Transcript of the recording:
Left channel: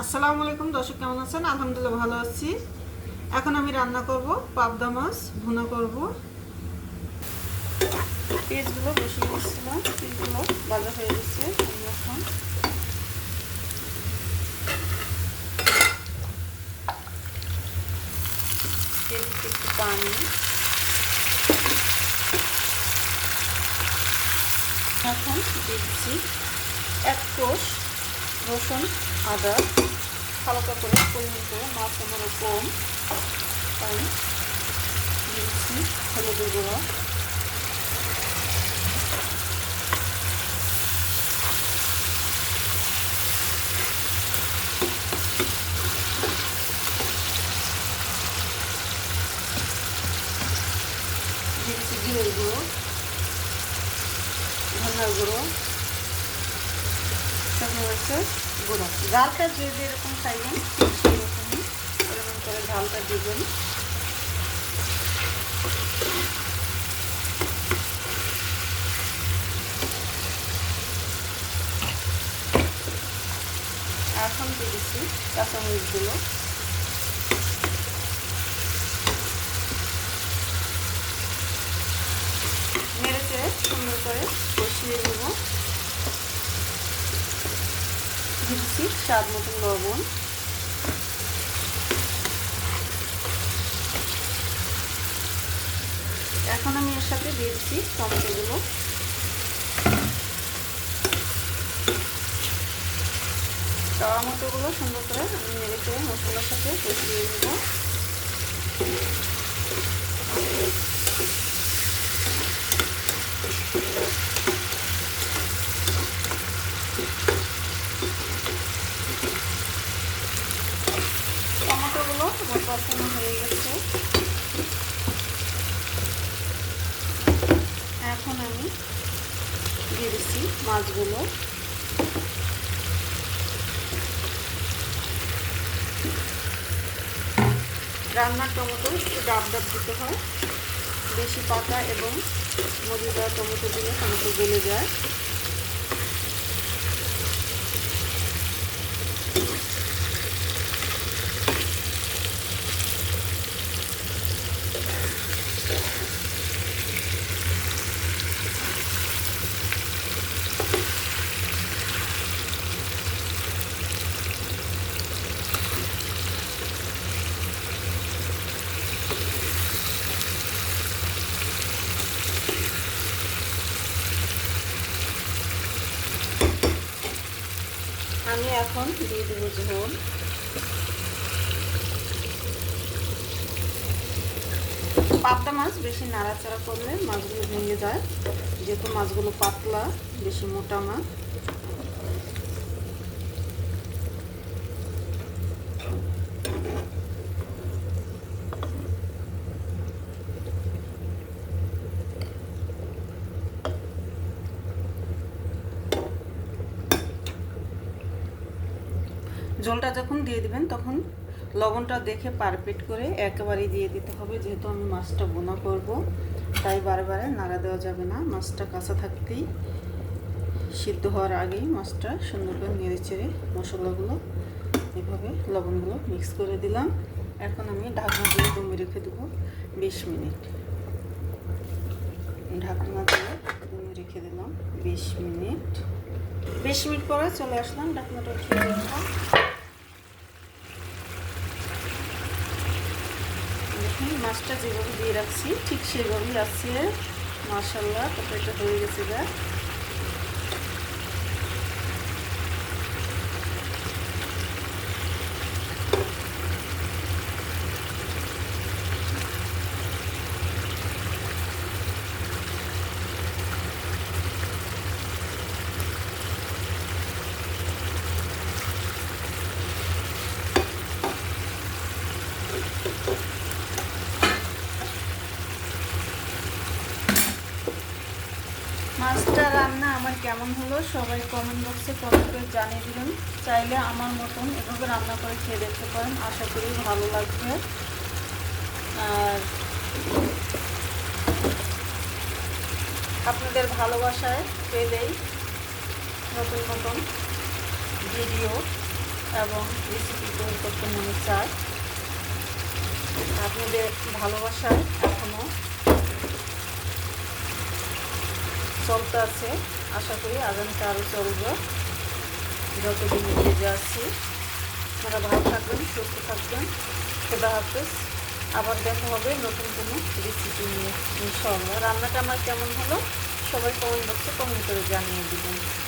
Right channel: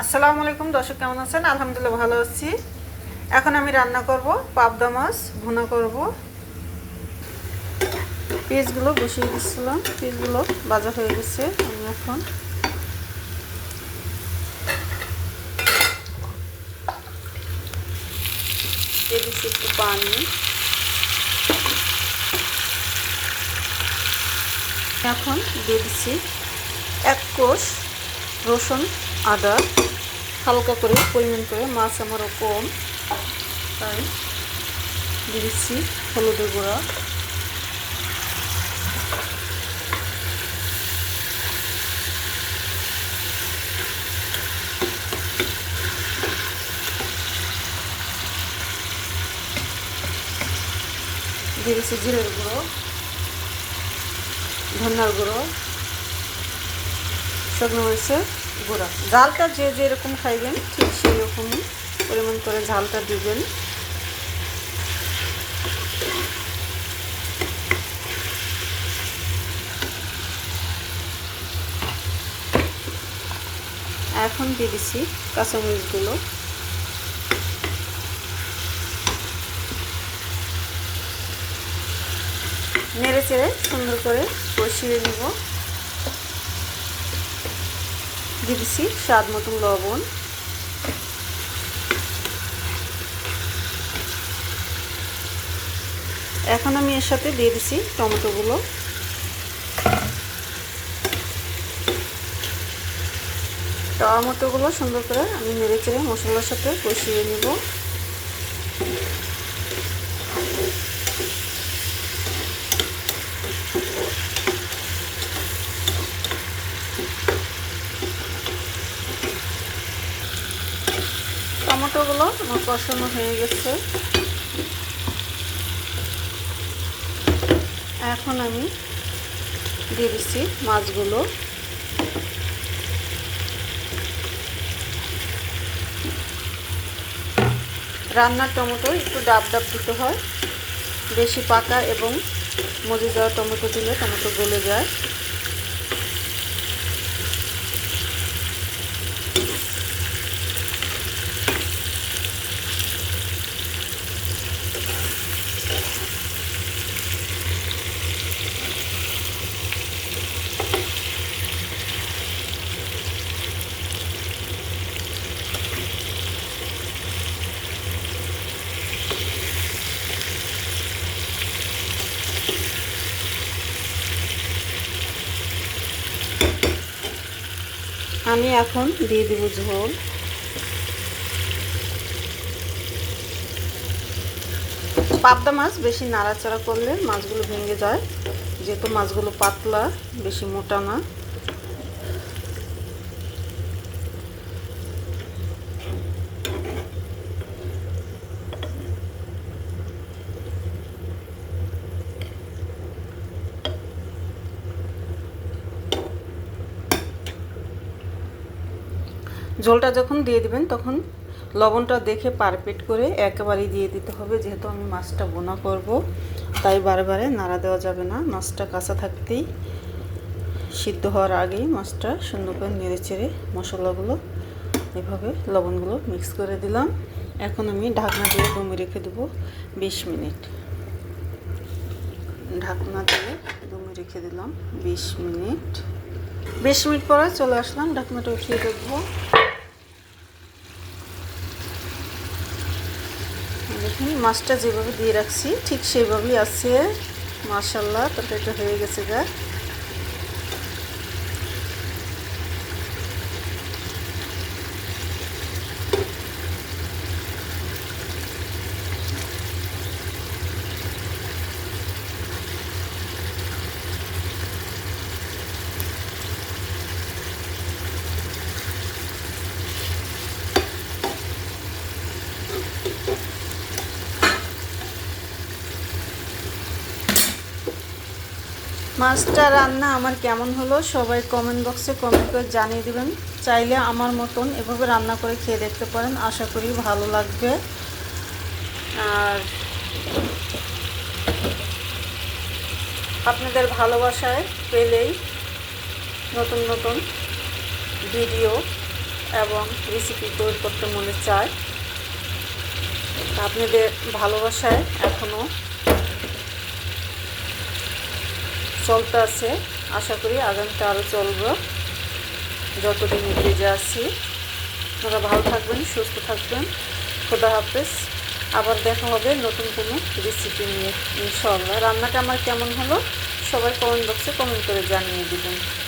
আসসালামু আলাইকুম দর্শক, কেমন আছেন? আলহামদুলিল্লাহ ভালো আছি। এখন আমি রান্না করব পাবদা মাছ ভুনা করব। পেঁয়াজগুলো বসিয়ে দিচ্ছিলাম, পেঁয়াজগুলো ভাজা হয়ে গেছে। আমি এখন দিয়ে দিচ্ছি একটু পানি। এখন দিয়ে দিচ্ছি 1 কোষ রসুন আদা, হালকা করে পরিমাণ করে, মাছ আমারও কম তাই দিয়ে দিচ্ছি হলুদের গুঁড়া, দিয়ে দিচ্ছি জিরের গুঁড়ো, ধনিয়ার গুঁড়ো, শুকনো মরিচের গুঁড়া। ঝালটা যে যেরকম খাইবেন ঠিক সেই রকমই পরিমাণ করে ঝালটা দিবেন। এখন দিয়ে দিচ্ছি কাঁচামরিচগুলো, নেড়ে চেড়ে সুন্দর করে কষিয়ে নেব। দিয়ে দিচ্ছি স্বাদ মতন লবণ, এখন আমি এর সাথে দিয়ে দিচ্ছি টমেটোগুলো। টমেটোগুলো সুন্দর করে আমি নেড়ে চেড়ে মশলার সাথে কষিয়ে নেব। টমেটোগুলো আমার কষানো হয়ে গেছে। এখন আমি দিয়ে দিচ্ছি মাছগুলো। রান্নার টমেটো একটু ডাব ডাব দিতে হয়, বেশি পাকা এবং মজে যাওয়া টমেটো দিলে টমেটো গলে যায়। আমি এখন দিয়ে দেবো ঝোল। পাবদা মাছ বেশি নাড়াচাড়া করলে মাছগুলো ভেঙে যায়, যেহেতু মাছগুলো পাতলা, বেশি মোটা না। ঝোলটা যখন দিয়ে দিবেন তখন লবণটা দেখে পারফেক্ট করে একেবারেই দিয়ে দিতে হবে, যেহেতু আমি মাছটা বোনা করব তাই বারে বারে নাড়া দেওয়া যাবে না। মাছটা কাঁচা থাকতেই, সিদ্ধ হওয়ার আগেই মাছটা সুন্দর করে নেড়ে চেড়ে মশলাগুলো এভাবে লবণগুলো মিক্স করে দিলাম। এখন আমি ঢাকনা দিয়ে দমে রেখে দেবো 20 মিনিট। ঢাকনা দিয়ে দমে রেখে দিলাম 20 মিনিট। 20 মিনিট পরে চলে আসলাম, ঢাকনাটা উঠিয়ে দেখবো। দেখুন মাছটা যেভাবে দিয়ে রাখছি ঠিক সেইভাবেই আছে। মাশাআল্লাহ, তরকারিটা হয়ে গেছে গা। মাছটা রান্না আমার কেমন হলো সবাই কমেন্ট বক্সে কমেন্ট করে জানিয়ে দেবেন। চাইলে আমার মতন এভাবে রান্না করে খেয়ে দেখতে পারেন, আশা করি ভালো লাগবে। আর আপনাদের ভালোবাসায় পেলেই নতুন নতুন ভিডিও এবং রেসিপি তৈরি করতে মনে চায়। আপনাদের ভালোবাসায় এখনও চলতে আছে, আশা করি আগামীতে আরও চলবে যতদিন বেঁচে আছি। আপনারা ভালো থাকবেন, সুস্থ থাকবেন। খোদা হাফেজ। আবার দেখা হবে নতুন কোনো রেসিপি নিয়ে ইনশাআল্লাহ। রান্নাটা আমার কেমন হলো সবাই কমেন্ট বক্সে কমেন্ট করে জানিয়ে দিবেন।